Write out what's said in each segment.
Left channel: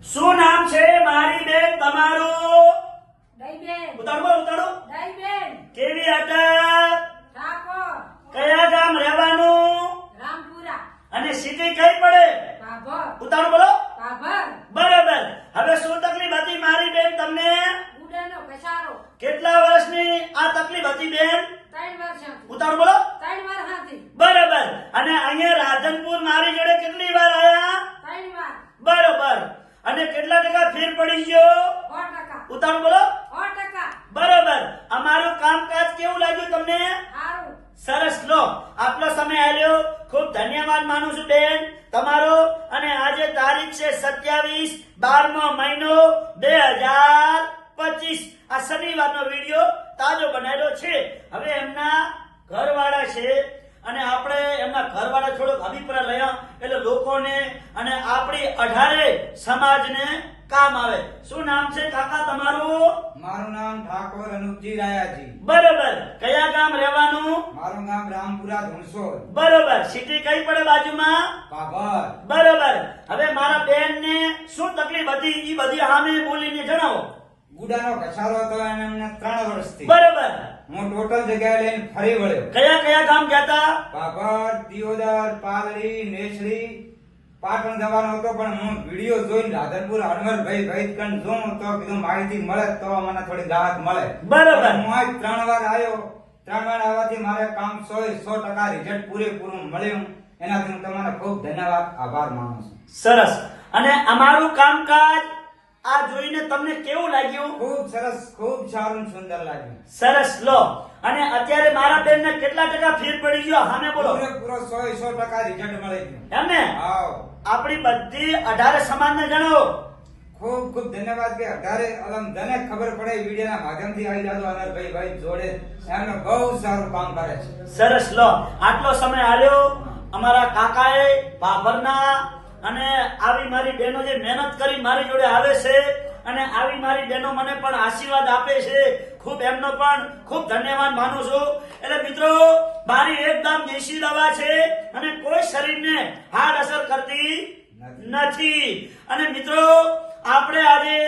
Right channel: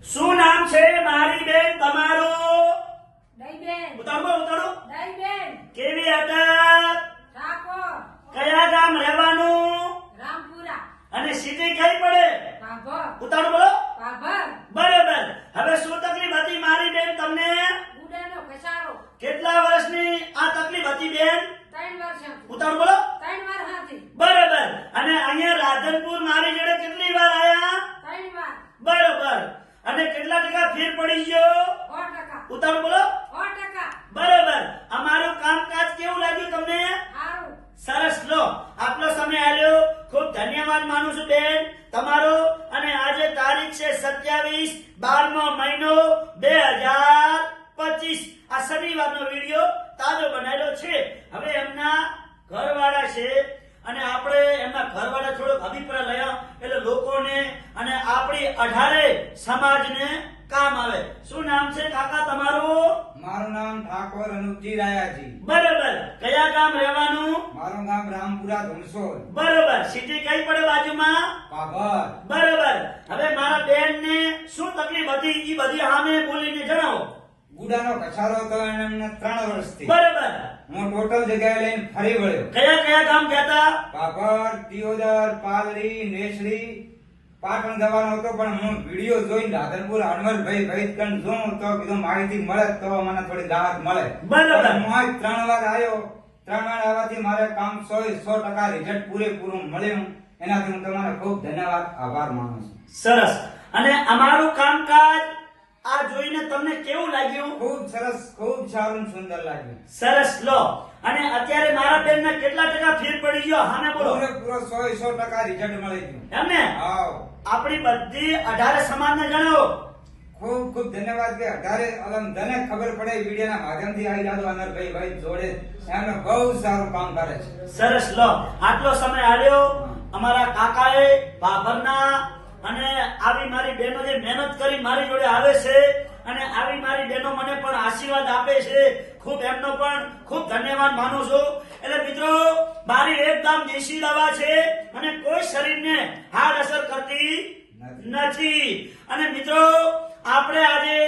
શું નામ છે મારી બેન તમારું? ઉતારો બોલ, ઉતારો કેવી હતા કયા ગામ રહેવાનું? રામપુરા. અને સિટી કઈ પડે? ઉતારો બોલો. બરાબર. હવે શું તકલીફ હતી મારી બેન તમને? કેટલા વર્ષની આ તકલીફ હતી બેન? ઉતારો બોલો. બરોબર. અને અહીંયા રાધનપુર મારી જોડે કેટલી વાર આયા ત્રણ વાર બરોબર અને કેટલા ટકા ફેર પડી ગયો? ઉતાવળ બોલો. બરોબર. અમારું કામકાજ કેવું લાગ્યું તમને? સરસ. લો આપનો સમય આવ્યો ખૂબ ધન્યવાદ માનું છું બેન. તમારો. અને આજે તારીખ છે સત્યાવીસ બારમો મહિનો બે હજાર પચીસ. આ શનિવારનો વીડિયો તાજો બનાવેલો છે. હવે એમના ઘરવાળા છે અને આપણે એમના ઘરવાળા થોડોક અભિપ્રાય લયા એટલે લોકોને અને આપણી અઢારે સમાજને કામ આવે. શું નામ છે કાકા તમારું? મારું નામ ઠાકોર અનુપજી રાયાજી. બરોબર. કયા ગામ રહેવાનું? મારું ગામ રામપુરા ધનસોર બરોબર. સિટી કઈ પડે બાજુમાં? બાબર. બરોબર. હવે મારા બેન ને શું તકલીફ હતી? એ બધી આમે બોલીને જણાવો. ગુડાનો ઘસારો હતો એમને ત્રણ વર્ષથી. બરોબર. હું ટોટલ જગ્યાએ લઈને ફરી વળ્યો. કયા કયા ગામ ગયા પાપડ દિયોદર પાલડી નેસડી. પાટણ જવાનો હતો પણ હું વીડિયો જોઈને રાધનપુર અનવરભાઈ ભાઈ કણ જોઉં તો કીધું માહિતી મળે તો મને થોડી રાહત મળે. બરાબર. હું આજ ત્રણ વાર આવ્યો. ત્રણ વાર આવવાથી મારે કામ સો સો ટકા રિઝલ્ટ પૂરેપૂરું મળ્યું. એનાથી હું તમારો ખૂબ ધન્યવાદ આભાર માનું છું. સરસ. અને અમારું કામકાજ આ જોઈને તમને કેવું લાગ્યું? ખૂબ સરસ ખૂબ સારું સુંદર લાગ્યું. સરસ લો. અને અત્યારે મારા બેન ને કેટલા ટકા ફીર પડી ગયો? હાને બોલો. પૂરેપૂરો સો સો ટકા રિઝલ્ટ મળી ગયું. એમ ને? આપણી બધી અઢારે સમાજને જણાવો. ખૂબ ખૂબ ધન્યવાદ કે અઢારે અલમ ધને ખબર પડે વિડીયોના માધ્યમથી આવી જાતો અનરભાઈ ભાઈ જોડે. એમને બહુ સારું કામ કરે છે. સરસ લો. આટલો સમય આવ્યો અમારા કાકાએ બાભરના અને આવી મારી બહેનો જે મહેનત કરી મારી જોડે આવે છે અને આવી મારી બહેનો મને પણ આશીર્વાદ આપે છે. ખૂબ એમનો પણ ખૂબ ધન્યવાદ માનું છું. એટલે મિત્રો મારી એકદમ દેશી દવા છે અને કોઈ શરીરને હાર્ડ અસર કરતી નથી. અને મિત્રો આપણે આજે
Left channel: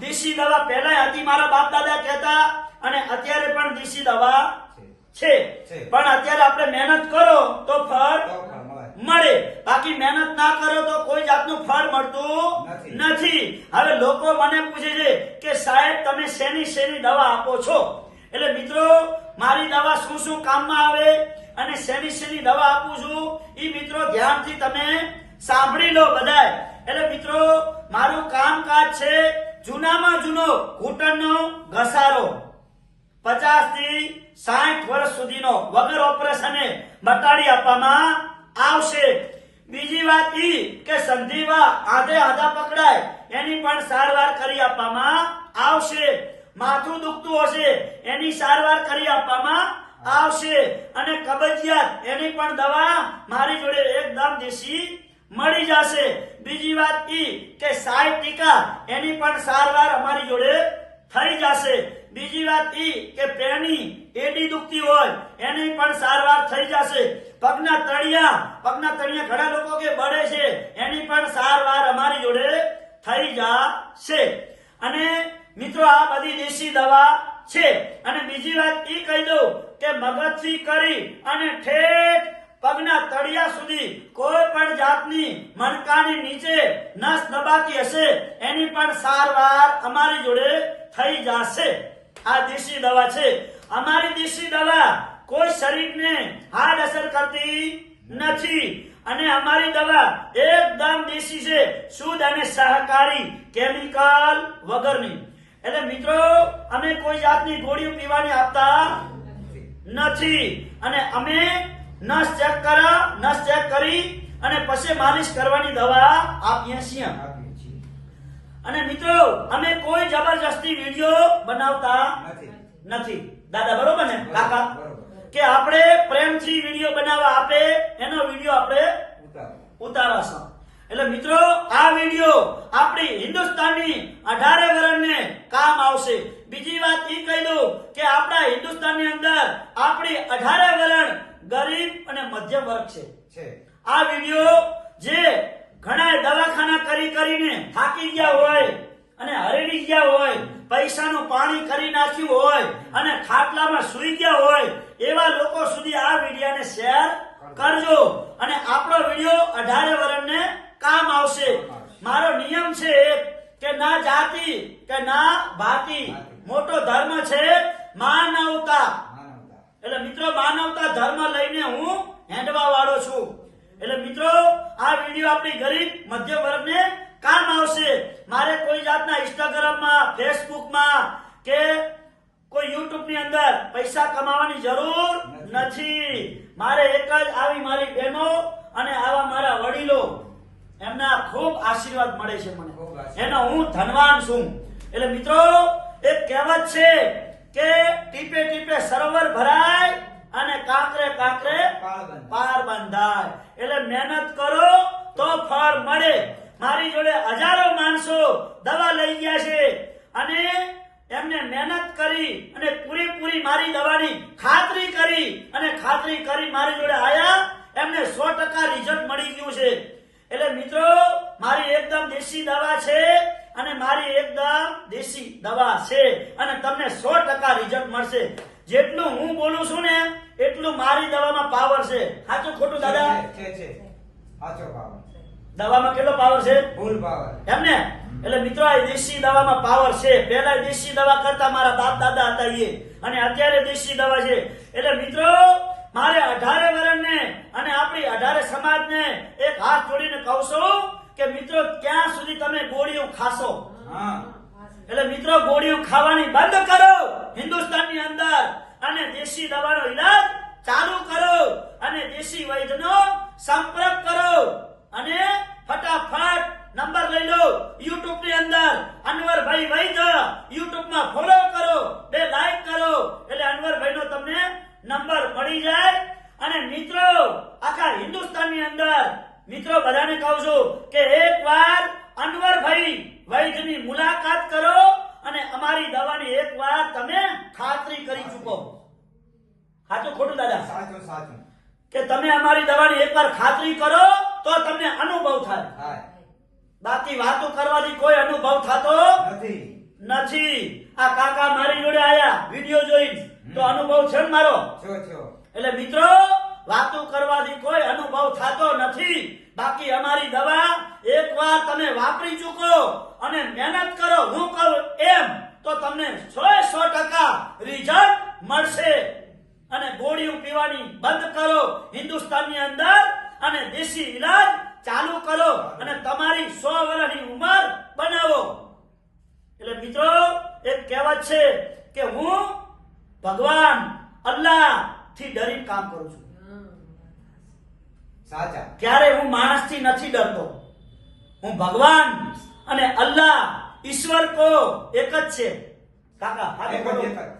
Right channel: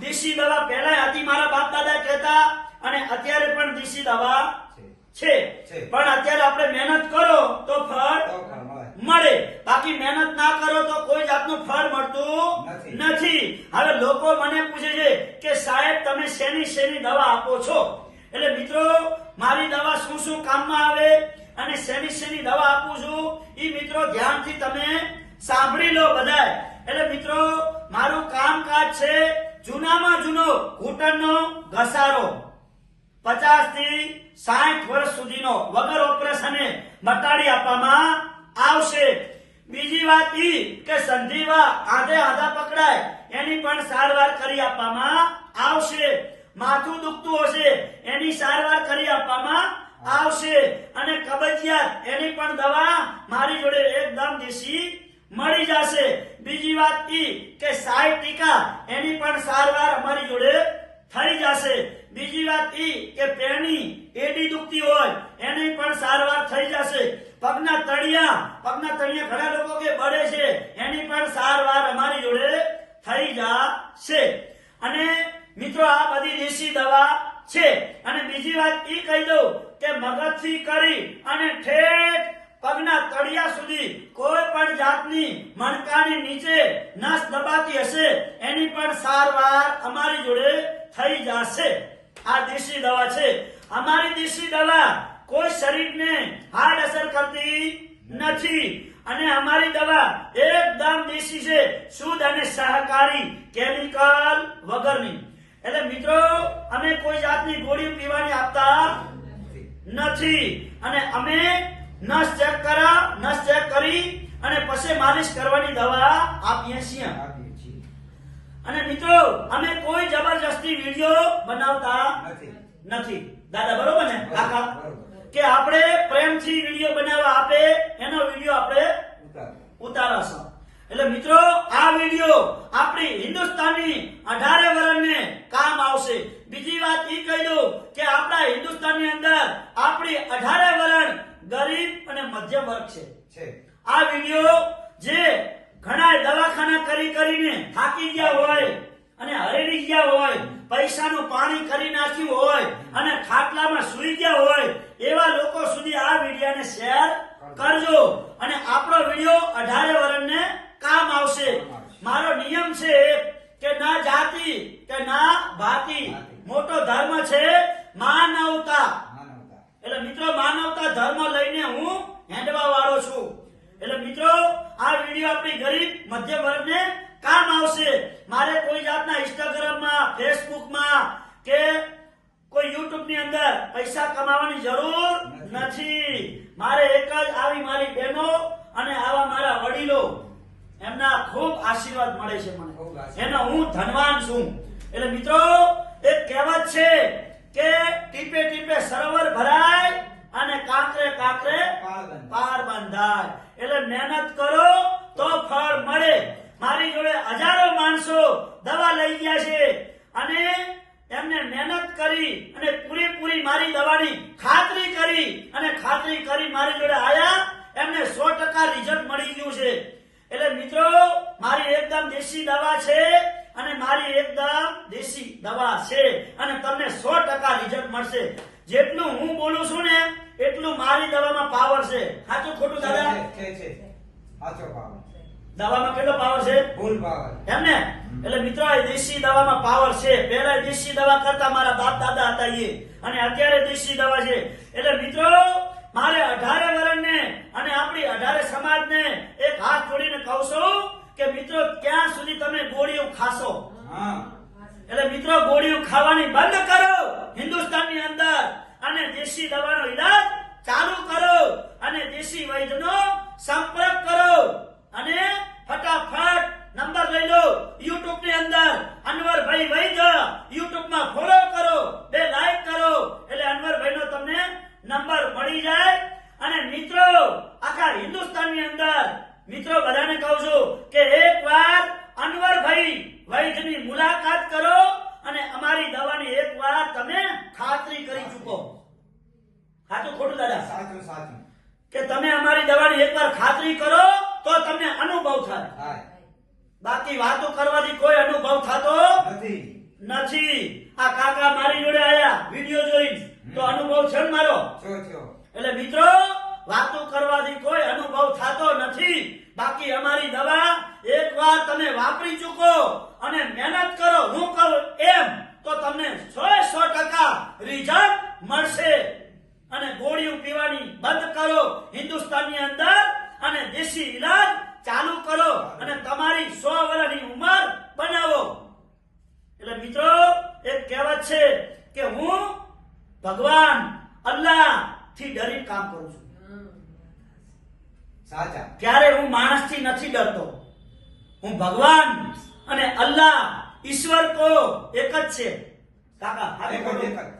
દેશી દવા પહેલા હતી મારા બાપ દાદા કહેતા અને અત્યારે પણ દેશી દવા છે. પણ અત્યારે આપણે મહેનત કરો તો ફળ મળે. બાકી મહેનત ના કરો તો કોઈ જાતનું ફળ મળતું નથી. નથી. હવે લોકો મને પૂછે છે કે સાહેબ તમે શેની શેની દવા આપો છો? એટલે મિત્રો મારી દવા શું શું કામમાં આવે અને શેની શેની દવા આપું છું એ મિત્રો ધ્યાનથી તમે સાંભળી લો બધાય. એટલે મિત્રો મારું કામકાજ છે જૂનામાં જૂનો ઘૂંટણનો ઘસારો. પચાસથી સાઠ વર્ષ સુધીનો વગર ઓપરેશને બટાડી આપવામાં આવશે. બીજી વાત ઈ કે સંધિવા આધે આધા પકડાય. એની પણ સારવાર કરી આપવામાં આવશે. માથું દુખતું હશે, એની સારવાર કરી આપવામાં આવશે. અને કબજિયાત, એની પણ દવા મારી જોડે એકદમ દેશી મળી જશે. બીજી વાત ઈ કે સાય ટીકા, એની પણ સારવાર અમારી જોડે થઈ જશે. બીજી વાત એ કે પેની એડી દુખતી હોય, એની પણ સારવાર થઈ જશે. પગના તળિયા પગના તળિયા ઘણા લોકો કે બળે છે, એની પણ સારવાર અમારી જોડે થઈ જશે. અને મિત્રો, આ બધી દેશી દવા છે. અને બીજી વાત એ કહી દઉં કે મગજથી કરી અને ઠેઠ પગના તળિયા સુધી કોઈ પણ જાતની મણકાની નીચે નસ દબાતી હશે, એની પણ સારવાર અમારી જોડે થઈ જશે. આ દેશી દવા છે. અમારી દેશી દવા કોઈ શરીરને હાર્ડ અસર કરતી નથી. અને અમારી દવા એકદમ દેશી છે, શુદ્ધ અને સહકારી કેમિકલ વગરની. એટલે મિત્રો, અમે કોઈ જાતની ગોળીઓ પીવાની આપતા નથી. અને અમે નસ ચેક કરા, નસ ચેક કરી અને પછી માલિશ કરવાની દવા આપીએ છીએ. અને મિત્રો અમે કોઈ જબરજસ્તી વીડિયો બનાવતા નથી. દાદા બરોબર ને? કાકા? કે આપણે પ્રેમથી વીડિયો બનાવવા આપે એનો વીડિયો આપણે ઉતારાશું. એટલે મિત્રો આ વીડિયો આપણી હિન્દુસ્તાનની અઢારે વર્ણને કામ આવશે. બીજી વાત એ કહી દઉં કે આપણા હિન્દુસ્તાનની અંદર આપણી અઢારે વરણ ગરીબ અને મધ્યમ વર્ગ છે. આ વીડિયો જે ઘણા દવાખાના કરી કરીને થાકી ગયા હોય અને હરેલી ગયા હોય પૈસાનું પાણી કરી નાખ્યું હોય અને ખાટલામાં સુઈ ગયા હોય એવા લોકો સુધી આ વિડીયાને શેર કરજો અને આપણો વીડિયો અઢારે વર્ષને કામ આવશે. મારો નિયમ છે કે ના જાતિ કે ના ભાતિ. મોટો ધર્મ છે માનવતા. માનવતા. એટલે મિત્રો માનવતા ધર્મ લઈને હું હેંડવા વાળો છું. એટલે મિત્રો આ વીડિયો આપણી ગરીબ મધ્ય વર્ગને કામ આવશે. મારે કોઈ જાતના ઇન્સ્ટાગ્રામમાં ફેસબુકમાં કે કોઈ યુટ્યુબની અંદર પૈસા કમાવાની જરૂર નથી. મારે એક જ આવી મારી બહેનો અને આવા મારા વડીલો એમના ખૂબ આશીર્વાદ મળે છે મને. એનો હું ધનવાન છું. એટલે મિત્રો એક કહેવત છે કે ટીપે ટીપે સરોવર ભરાય અને કાતરે કાંકરે પાર બંધાય એટલે મહેનત કરો તો ફળ મળે. મારી જોડે હજારો માણસો દવા લઈ ગયા છે અને એમને મહેનત કરી અને પૂરેપૂરી મારી દવાની ખાતરી કરી અને ખાતરી કરી મારી જોડે આયા એમને સો ટકા રિઝલ્ટ મળી ગયું છે. એટલે મિત્રો મારી એકદમ દેશી દવા છે અને મારી એકદમ દેશી દવા છે અને તમને સો ટકા રિઝલ્ટ મળશે. જેટલું એટલું મારી દવામાં પાવર છે. સાચું ખોટું દાદા છે છે છે સાચો પાવર દવામાં કેટલો પાવર છે? ફૂલ પાવર એમ ને? એટલે મિત્રો દેશી દવામાં પાવર છે. પહેલા દેશી દવા કરતા મારા બાપ દાદા હતા એ. અને અત્યારે દેશી દવા છે. એટલે મિત્રો મારે અઢારે વર્ષને અને આપણી અઢારે સમાજને એક હાથ જોડીને કહું છું કે મિત્રો ક્યાં સુધી તમે ગોળીઓ ખાશો? હા. એટલે મિત્રો ગોળીઓ ખાવાની બંધ કરો હિન્દુસ્તાનની અંદર. અને દેશી દવાનો ઈલાજ ચાલુ કરો અને દેશી વૈદ્યનો સંપર્ક કરો અને ફટાફટ નંબર લઈ લો યુટ્યુબની અંદર અનવરભાઈ વૈદ્ય યુટ્યુબમાં ફોલો કરો બે લાઈક કરો એટલે અનવરભાઈ નો તમને નંબર મળી જાય અને મિત્રો આખા હિન્દુસ્તાનની અંદર મિત્રો બધાને કહું છું કે એકવાર અનવરભાઈ વૈદ્યની મુલાકાત કરો અને અમારી દવાની એકવાર તમે ખાતરી કરી ચૂકો સાચું ખોટું દાદા સાચું સાચું કે તમે અમારી દવાની એકવાર ખાતરી કરો તો તમને અનુભવ થાય. બાકી વાતો કરવાની કોઈ અનુભવ થતો નથી. નથી. આ કાકા મારી જોડે આયા વીડિયો જોઈ તો અનુભવ છે ને મારો? એટલે મિત્રો વાતો કરવાથી કોઈ અનુભવ થતો નથી. બાકી અમારી દવા એકવાર તમે વાપરી ચૂકો અને મહેનત કરો હું કરું એમ તો તમને સો સો ટકા રિઝલ્ટ મળશે અને ગોળીઓ પીવાની બંધ કરો હિન્દુસ્તાનની અંદર અને દેશી ઈલાજ ચાલુ કરો અને તમારી સો વર્ષની ઉંમર બનાવો. એટલે મિત્રો એક કહેવત છે કે હું ભગવાન અલ્લાહથી ડરી કામ કરું છું. સાચા. ત્યારે હું માણસથી નથી ડરતો? હું ભગવાન અને અલ્લાહ ઈશ્વર કો એક જ છે. કાકા. એક જ.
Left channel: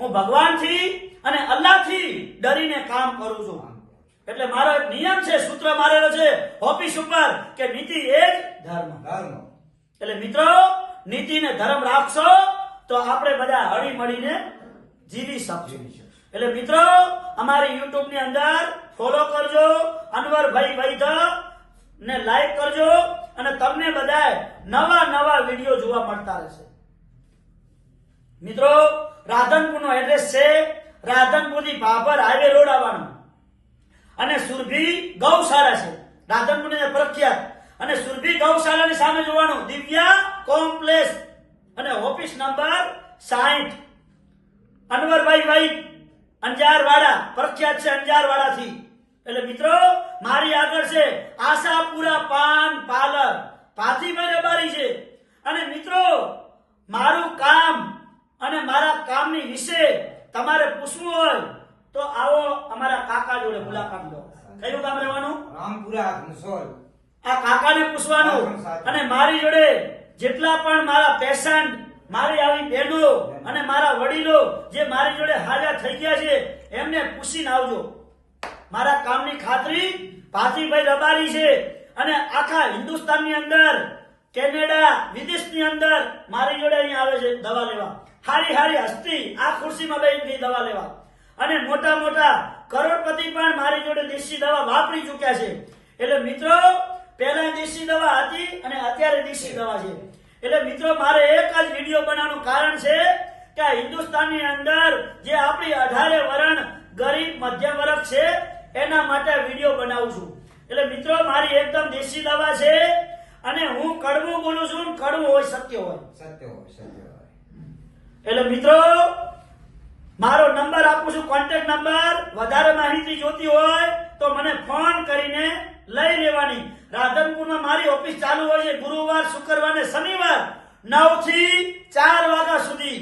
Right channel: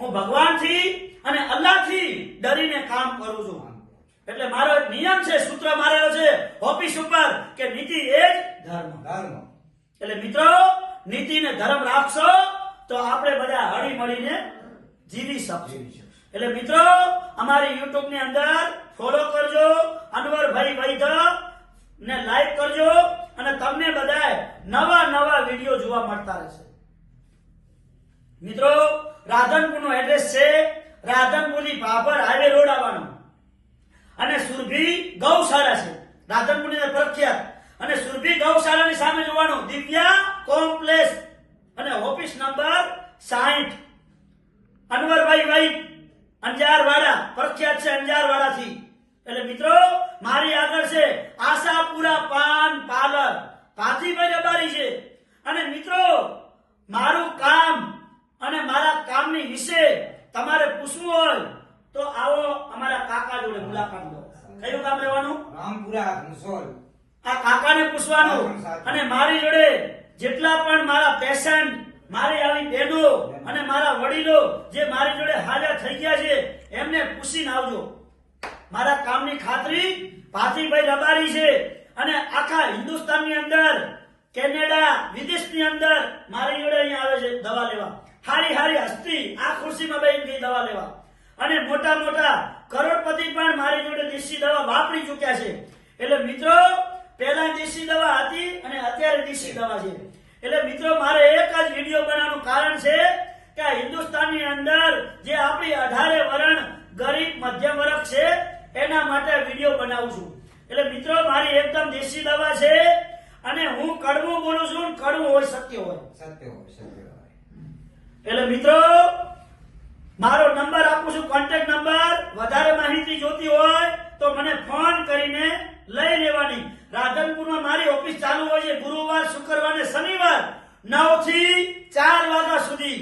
હું ભગવાનથી અને અલ્લાહથી ડરીને કામ કરું છું. એટલે મારો એક નિયમ છે સૂત્ર મારેલો છે ઓફિસ ઉપર કે નીતિ એ જ ધર્મ. ધર્મ. એટલે મિત્રો નીતિ ને ધર્મ રાખશો તો આપણે બધા હળી મળીને જીવી શકશું. એટલે મિત્રો અમારી યુટ્યુબની અંદર ફોલો કરજો અનવરભાઈ વૈધ ને લાઈક કરજો અને તમને બધા નવા નવા વીડિયો જોવા મળતા રહેશે. મિત્રો રાધનપુર નો એડ્રેસ છે રાધનપુરથી ભાભર હાઈવે રોડ આવવાનો. અને સુરભી ગૌશાળા છે. રાધનપુરની પ્રખ્યાત. અને સુરભી ગૌશાળાની સામે જોવાનું, દિવ્યા કોમ્પ્લેક્સ. અને ઓફિસ નંબર સાહીઠ. અનવરભાઈ ભાઈ અંજારવાડા. પ્રખ્યાત છે અંજારવાડા થી એટલે મિત્રો, મારી આગળ છે આશાપુરા પાન પાર્લર. પાથીભાઈ રબારી છે. અને મિત્રો, મારું કામ અને મારા કામની વિશે તમારે પૂછવું હોય તો આવો અમારા કાકા જોડે મુલાકાત લો. કયું કામ રહેવાનું? રામપુરા મુસોલ આ કાકાને પૂછવાનું. અને મારી જોડે જેટલા પણ મારા પેશન્ટ મારી આવી બહેનો અને મારા વડીલો જે મારી જોડે હાજર થઈ ગયા છે એમને પૂછીને આવજો. મારા કામની ખાતરી ભાતીભાઈ રબારી છે અને આખા હિન્દુસ્તાનની અંદર કેનેડા વિદેશની અંદર મારી જોડે અહીંયા આવે છે દવા લેવા. હારી હારી હસ્તી આ ખુરશીમાં ગઈ દવા લેવા. અને મોટા મોટા કરોડપતિ પણ મારી જોડે દેશી દવા વાપરી ચૂક્યા છે. એટલે મિત્રો, પહેલા દેશી દવા હતી અને અત્યારે દેશી દવા છે. એટલે મિત્રો, મારે એક જ વીડિયો બનાવવાનું કારણ છે કે હિન્દુસ્તાનની અંદર જે આપણી અઢારે વરણ ગરીબ મધ્યમ વર્ગ છે, એના માટે વીડિયો બનાવું છું. એટલે મિત્રો, મારી એકદમ દેશી દવા છે અને હું કડવું બોલું છું કડવું હોય, સત્ય હોય. સત્ય હોય સત્ય હોય. એટલે મિત્રો, મારો નંબર આપું છું કોન્ટેક્ટ નંબર. વધારે માહિતી જોતી હોય તો મને ફોન કરીને લઈ લેવાની. રાધનપુરમાં મારી ઓફિસ ચાલુ હોય છે, ગુરુવાર, શુક્રવાર ને શનિવાર નવથી ચાર વાગ્યા સુધી.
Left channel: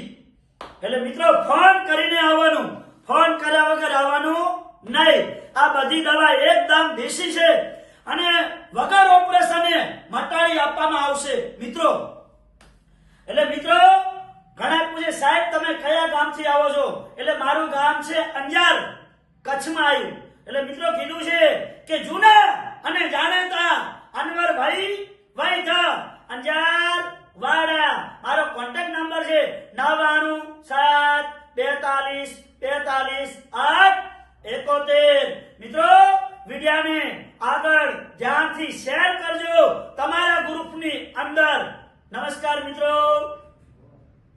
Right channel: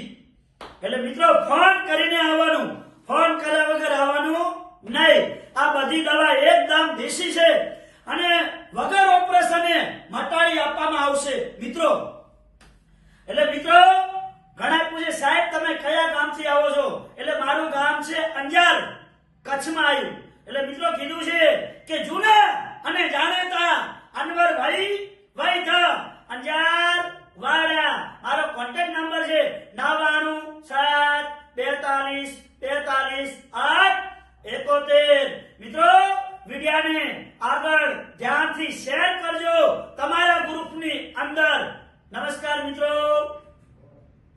એટલે મિત્રો ફોન કરીને આવવાનું. ફોન કર્યા વગર આવવાનું નહીં. આ બધી દવા એકદમ દેશી છે અને વગર ઓપરેશને મટાડી આપવામાં આવશે મિત્રો એટલે મિત્રો ઘણા પૂછે સાહેબ તમે કયા ગામથી આવો છો એટલે મારું ગામ છે અંજાર કચ્છમાં આવ્યું એટલે મિત્રો કીધું છે કે જૂના અને જાણીતા અનવરભાઈ